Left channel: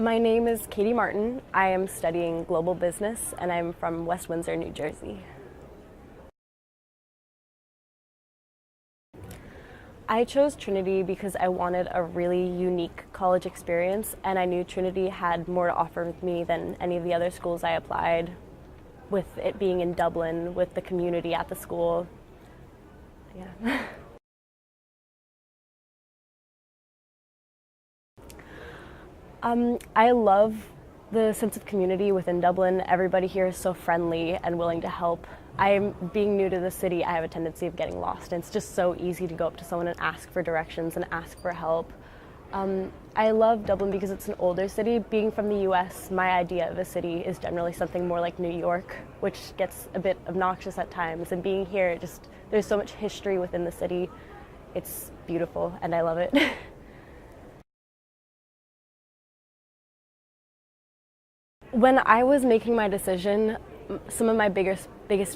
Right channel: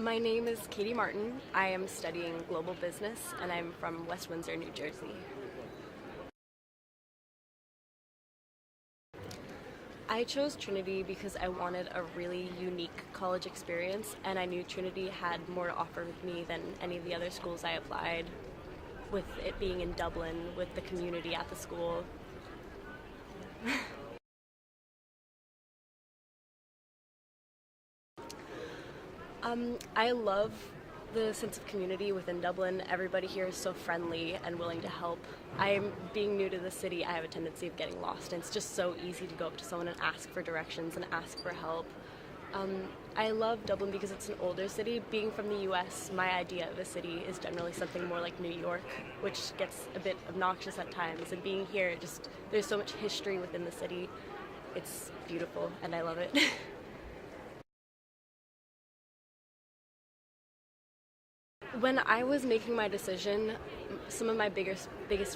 My name is Katie Martin. I am studying global business and I'm from West Windsor, New Jersey. I chose Trinity because I wanted a really unique college experience and I knew Trinity had more to offer me than any of the other schools I applied, with it being in Dublin, with the community at the school. Yeah. I love the sense of community within Dublin. Everybody here is so friendly and willing to help. Being new to the city, I have a tendency of getting lost. And it's just so easy to go up to someone and ask for directions and ask for help. I love Dublin because it's an older city. Being from the US, my idea of a city is generally something more like New York, which gets a bit obnoxious at times. And being here, there's so much history within the city. It's beautiful and I love it. When I was making my decision, some of my biggest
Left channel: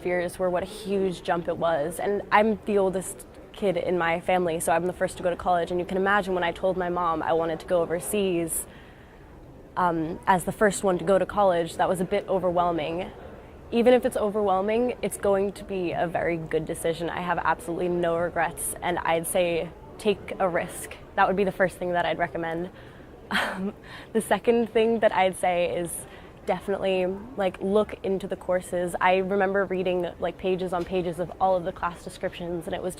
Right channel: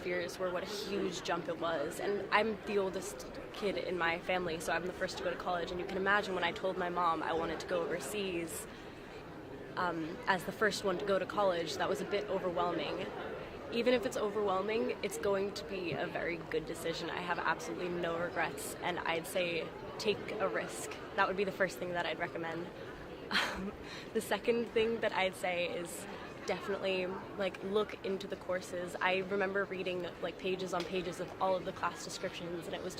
fears were what a huge jump it was. And I'm the oldest kid in my family, so I'm the first to go to college. And you can imagine when I told my mom I wanted to go overseas as the first one to go to college, that was a bit overwhelming. Even if it's overwhelming, it's going to be a very good decision. I have absolutely no regrets, and I'd say take a risk. That would be the first thing that I'd recommend. The second thing that I'd say is definitely look into the courses. I remember reading pages on pages of all of the class descriptions, and it was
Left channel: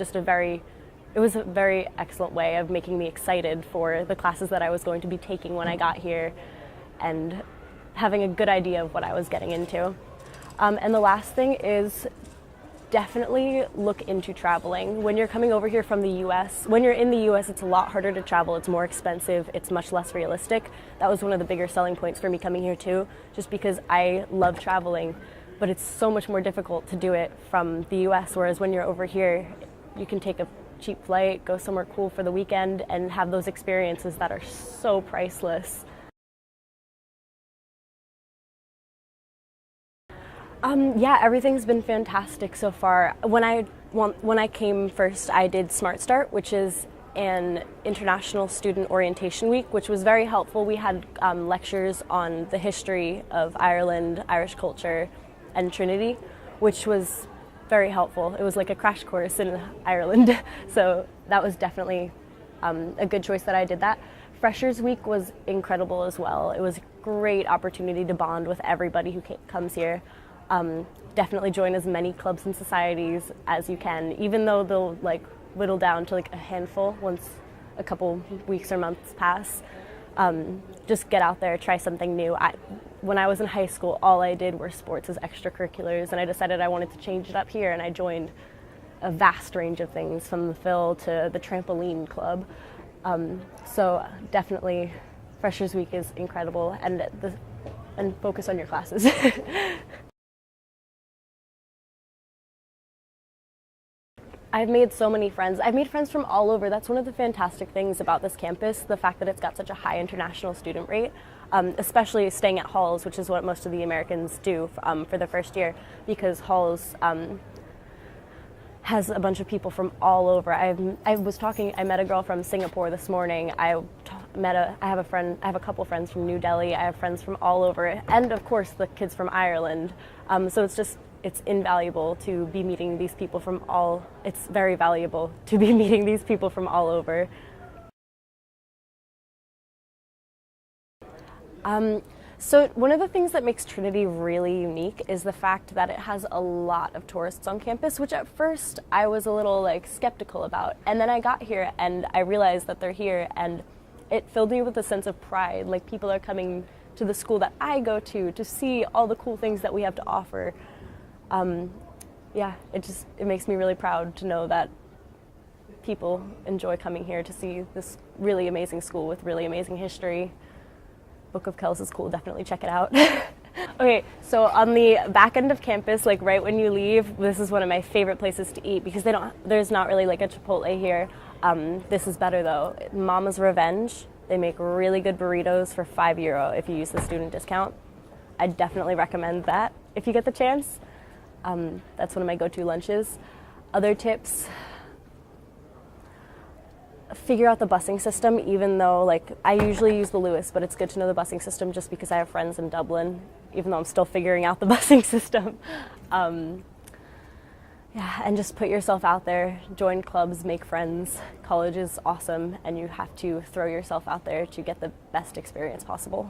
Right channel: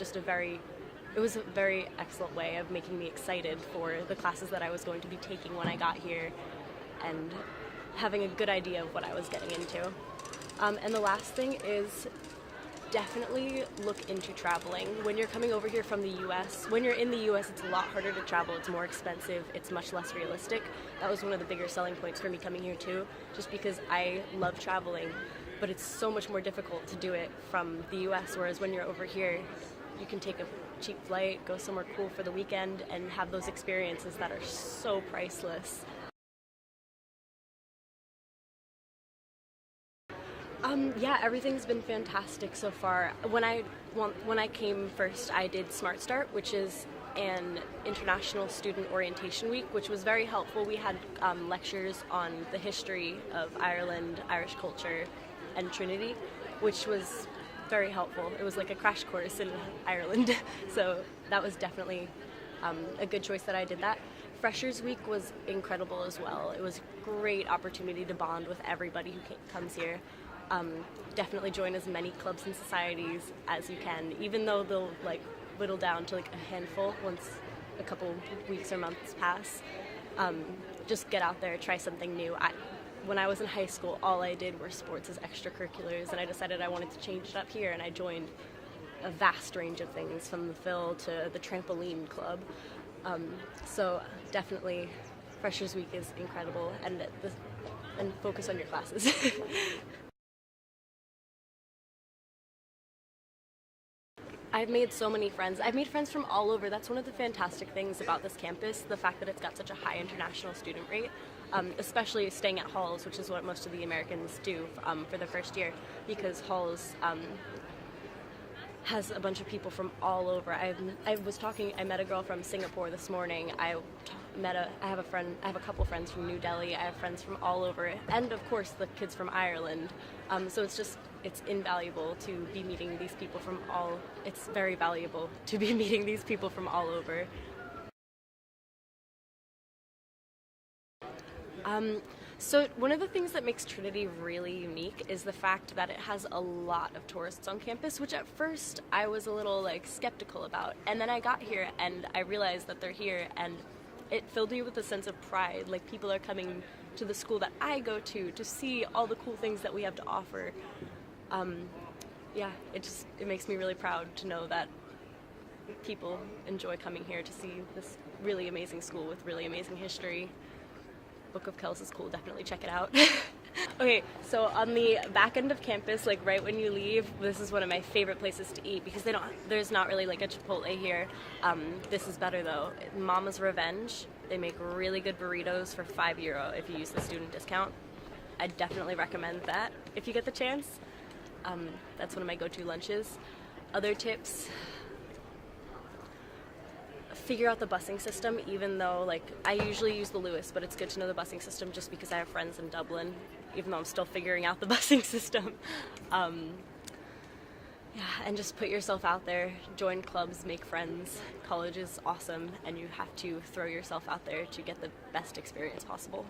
a very excellent way of making me excited for the classes that I was going to be taking when I got here and having a good idea of what I was getting into. And the last thing is definitely look into traveling. When you're coming over here from the US, when you're in the US, it's a lot harder to travel. It's more expensive. It's much less realistic. That was one of the bigger selling points for me coming here too, just because I love traveling, but it's so much more difficult to do it from the US, whereas when you're over here, you can take a cheap flight, go somewhere cool for the weekend, and have those experiences that are so priceless. Yeah, everything's been fantastic so far. When I came first, I did Smart Start, which is an international student orientation week, which was very helpful. We had lectures on the history of Ireland, Irish culture, and Trinity, which was very helpful. It was like a crash course in Ireland, so that was definitely a good choice that I did that. Freshers Week was incredible as well. It was a great opportunity to bond with everybody who comes here. Definitely join as many clubs and societies as you can, even though they'll whittle down to a handful once a couple weeks or months pass. Just get out there, try something new. When I was in high school, all I did were sports as extracurriculars, and I decided I wanted to change it up here, and I joined a vast range of things, from the Phil to the trampoline club. So definitely Freshers Week is incredible, and focus on your classes. I've made so many friends. I've made friends from all over. That's one of the fantastic things about this campus, the fact that it's got such a high international student rate, especially staying at Halls, which is what most of the Americans do for their first year, because Halls has a bunch of people from all over. I met a girl from Singapore this morning. I have a couple friends from New Delhi. I have friends from all over, and of course the kids from Ireland. So it's invaluable to be meeting these people from all. It's very valuable to be meeting these people from all over. So one of the things that makes Trinity really unique is the fact that it has a lot of tourists on campus, which at first I was a little skeptical about. And then I got here and I realized that they're here, and it filled me with a sense of pride. People are coming to the school that I go to see all the cool things that we have to offer. Yeah, it makes me really proud to know that people enjoy coming here to see this really amazing school with really amazing history. Book of Kells is cool, definitely check it out. Okay, so on the back end of campus, right when you leave, this is one of my favorite places to eat because there's not really a Chipotle here. This is better though. Mama's Revenge. They make really good burritos for €5 if you use the student discount. I definitely recommend that if you get the chance. That's one of my go-to lunches. Other tips, figure out the busing system, even though like I usually use the Lewis, but it's good to know the busing system just because I have friends in Dublin, even though I'm still figuring out the busing system. Yeah, and just put yourself out there, join clubs, make friends. College is awesome, and you have to throw yourself out there to get the best experience possible.